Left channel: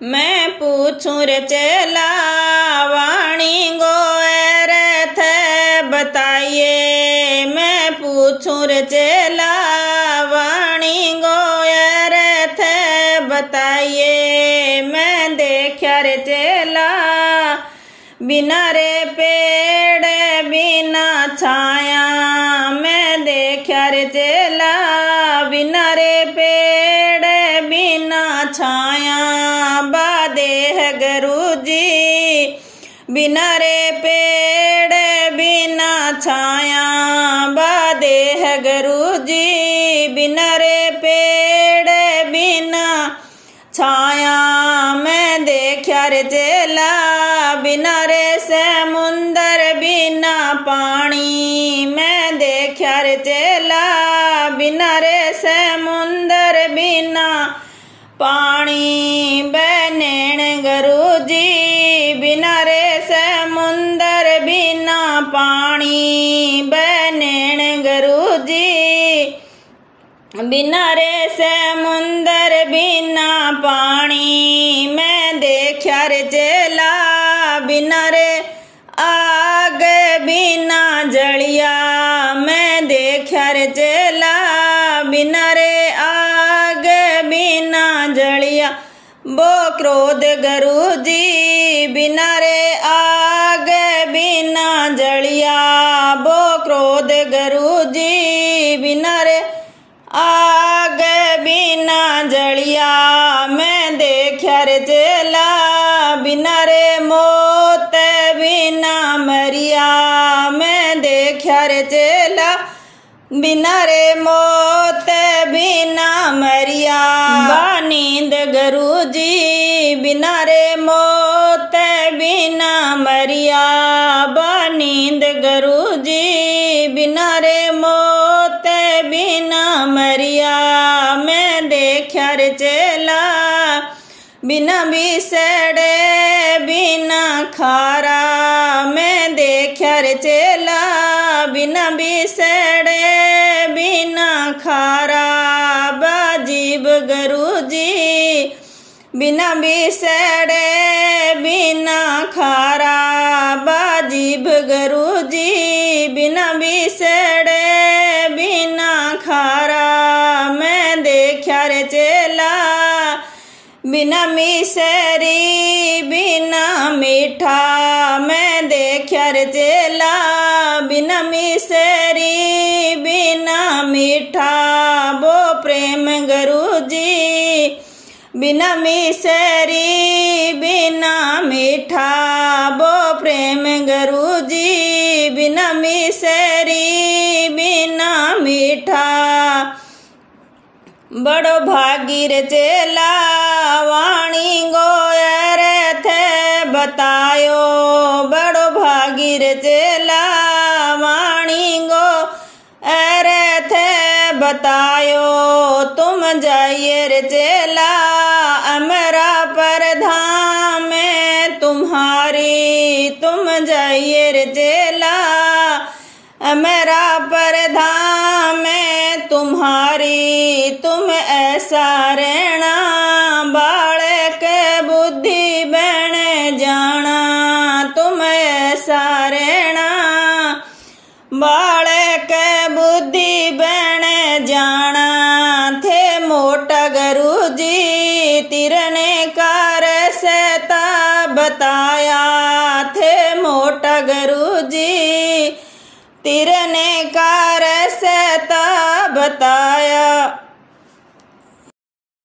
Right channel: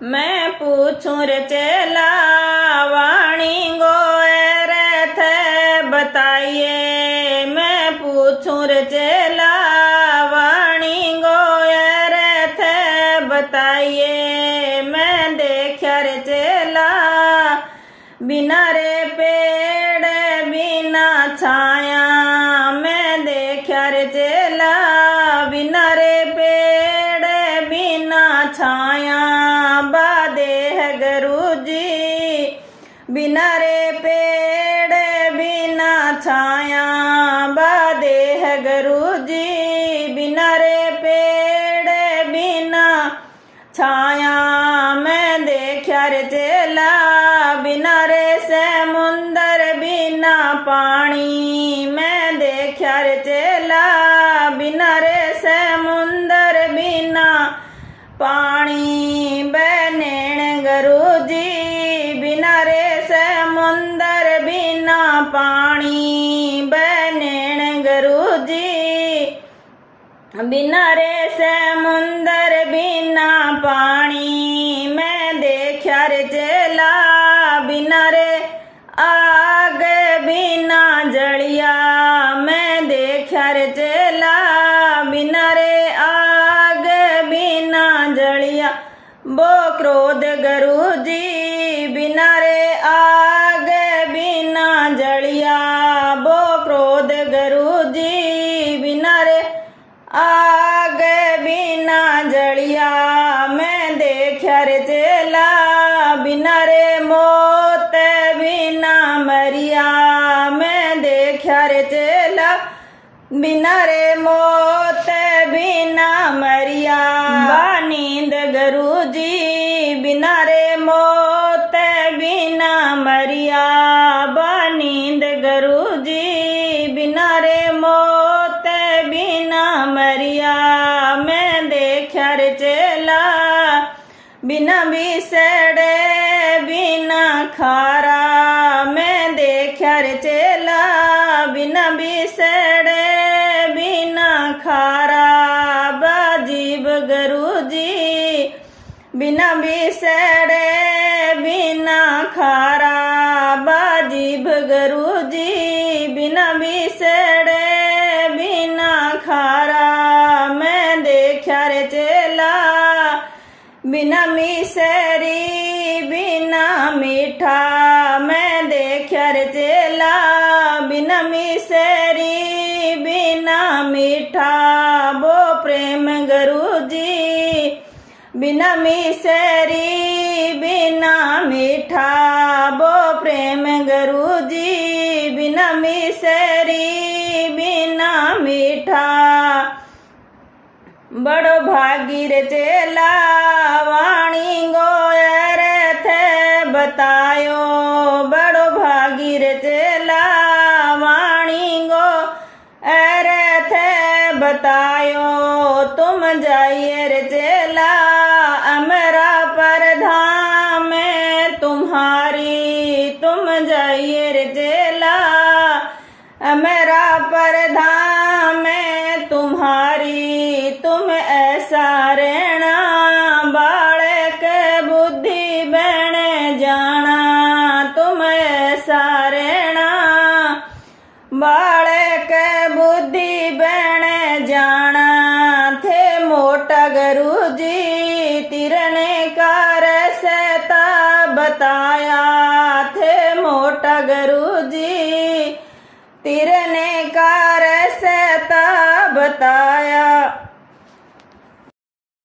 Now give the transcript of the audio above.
मैं पूछूं रे चेला वाणी गोयर थे बताइए। मैं पूछूं रे चेला वाणी गोयर थे बताइए। मैं देखा रे चेला बिना रे पेड़ बिना छाया। मैं देखा रे चेला बिना रे पेड़ बिना छाया। बादेह गुरु जी बिना रे पेड़ बिना छाया। बादेह गुरु जी बिना रे पेड़ बिना छाया। मैं देखा रे चेला बिना रे समुंदर बिना पानी। मैं देखा रे चेला बिना रे समुंदर बिना पानी। बनैण गुरु जी बिना रे समुंदर बिना पानी। बनैण गुरु जी बिना रे समुंदर बिना पानी। मैं देखा रे चेला बिना रे आग बिना जलिया। मैं देखा रे चेला बिना रे आग बिना जलिया। वो क्रोध गुरु जी बिना रे आग बिना जलिया। वो क्रोध गुरु जी बिना रे आग बिना जलिया। मैं देखा रे चेला बिना रे मौत बिना मरिया। मैं देखा रे चेला बिना रे मौत बिना मरिया। नींद गुरु जी बिना रे मौत बिना मरिया। नींद गुरु जी बिना रे मौत बिना मरिया। मैं देखा रे चेला बिना बिसड़े बिना खारा। मैं देखा रे चेला बिना बिसड़े बिना खारा। बाजीब गुरु जी बिना बिसड़े बिना खारा। बाजीब गुरु जी बिना बिसड़े बिना खारा। मैं देखा रे चेला बिना मिसरी बिना मीठा। मैं देखा रे चेला बिना मिसरी बिना मीठा। वो प्रेम गुरु जी बिना मिसरी बिना मीठा। वो प्रेम गुरु जी बिना मिसरी बिना मीठा। बड़ो भागी रे चेला वाणी गोयर थे बतायो। बड़ो भागी रे चेला वाणी गोयर थे बतायो। तुम जाइए रे चेला अमरा पर धाम तुम्हारी। तुम जाइए रे चेला अमरा पर धाम तुम्हारी। तुम ऐसा रहना बालक बुद्धि बन जाना। तुम ऐसा रहना बालक बुद्धि बन जाना। थे मोटा गुरु जी तिरने कार सहता बताया। थे मोटा गुरु जी तिरने कार सहता बता।